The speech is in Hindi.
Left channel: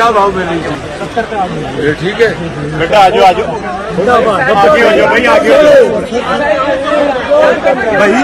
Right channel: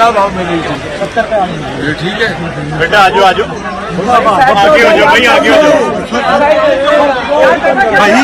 क्या भाव मिल रही थी? 70 पे आ गई। ये ठीक है बेटा आजो आजो आगे हो जाओ भाई आगे हो जाओ भाई